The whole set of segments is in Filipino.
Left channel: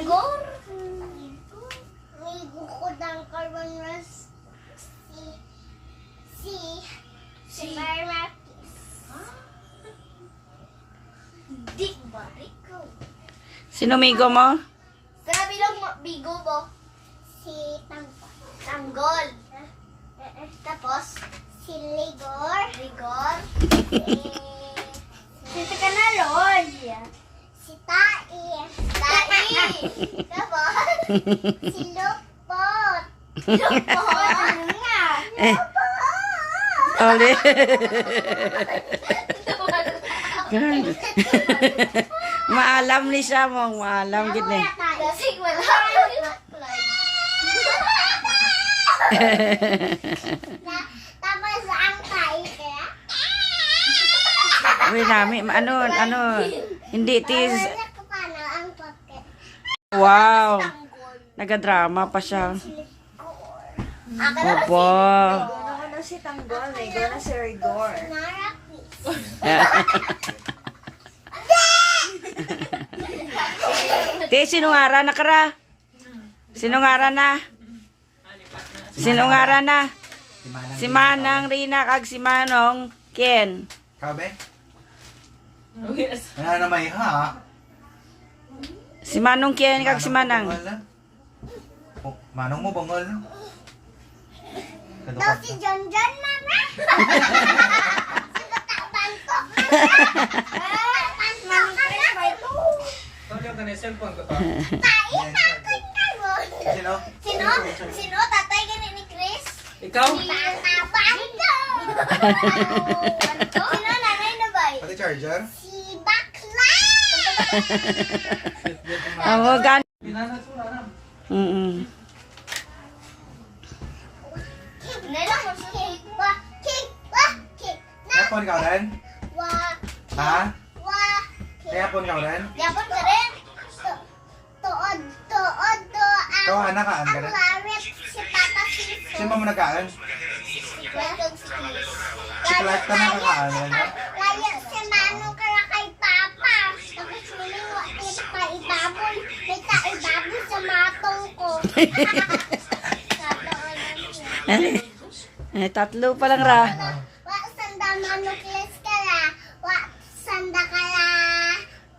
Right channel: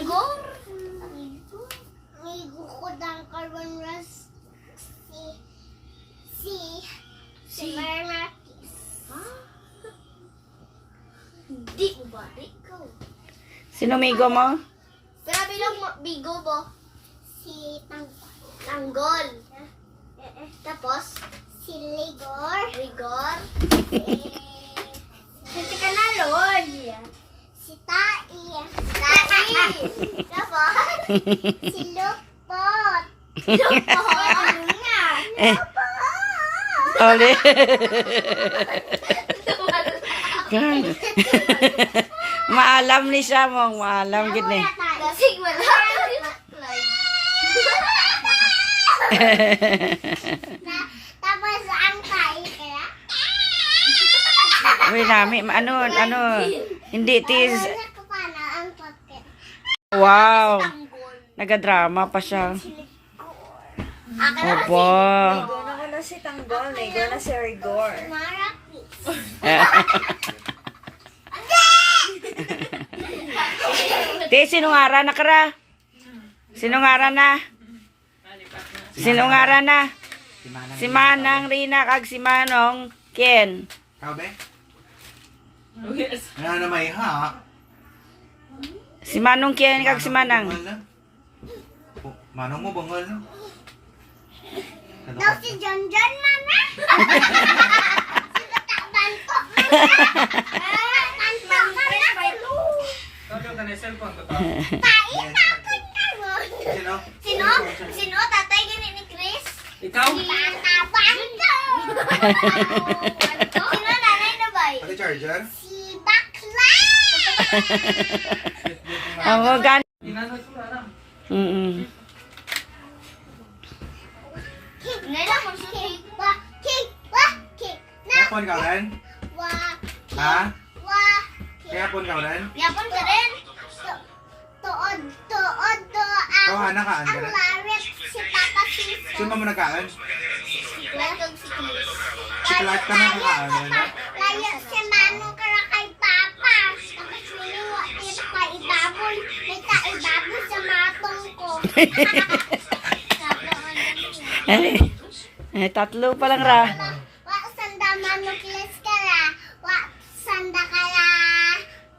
Igor. May bukod ang carbon ras si Marmakis. Hindi ko ba? Ikaw. Sino migo mo? Sabi lang bigo mo. Si Tanggol. Tapos, si Rigor. Si Canalon. Si Tai. Tapos, si Lupot. Ano nga? Oli. Maalam ni siya mong, maalam gid ni. Lasig mo lang. Tapos ang Tai kaya. Uy, nami, ano, hindi tis. Wala ko paano ang pocket. Wow, Tanggol. nagadrama pa siya. Akin Opo. Go na si Tanggol, may go na si Rigor. Marapis. Te, sinungara na kara. Sinungara na. Sinungara na. Si Manang Rina kag si Manong Ken. Kabe? Ano na may ha? Si Manong Ken kag si Manang. Oh, Manong mo bangal. Daw si John, mama. Sinatakban ko. Pain takot ka mo. Sino? Sino? Tatay ganit ni Chris? Ikaw? Tataban ko. Sino nanay na ba? Ate Charger? Si Bakla. Ang gan. Nila mo si cake. Cake. Kaya pon ka rin? Wa. Ha? Wa. Kaya pon ka rin? Yapon ka rin. Tuod. Kawahan ka, ang Ang galit. larit si Papa Siso. Sino mo nagkaan? Latog si Chris. Si Clark ka nakakaan. Layo si Manong kara kay Papa. Tapos miningo pa ibaboy. May ibaboy sa matong ko. Tatlo pa lang ra. Wa sanda manukles kala. Wa sanda kala.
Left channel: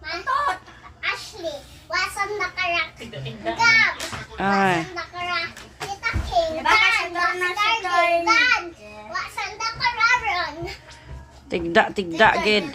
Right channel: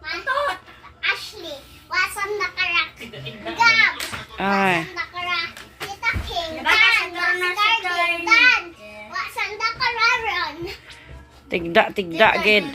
Mantot. Ashley. Wa sanda kala. Gab. Ay. Sanda kala. Tita King. Dan. Wa sanda kala ron. Tigda gid.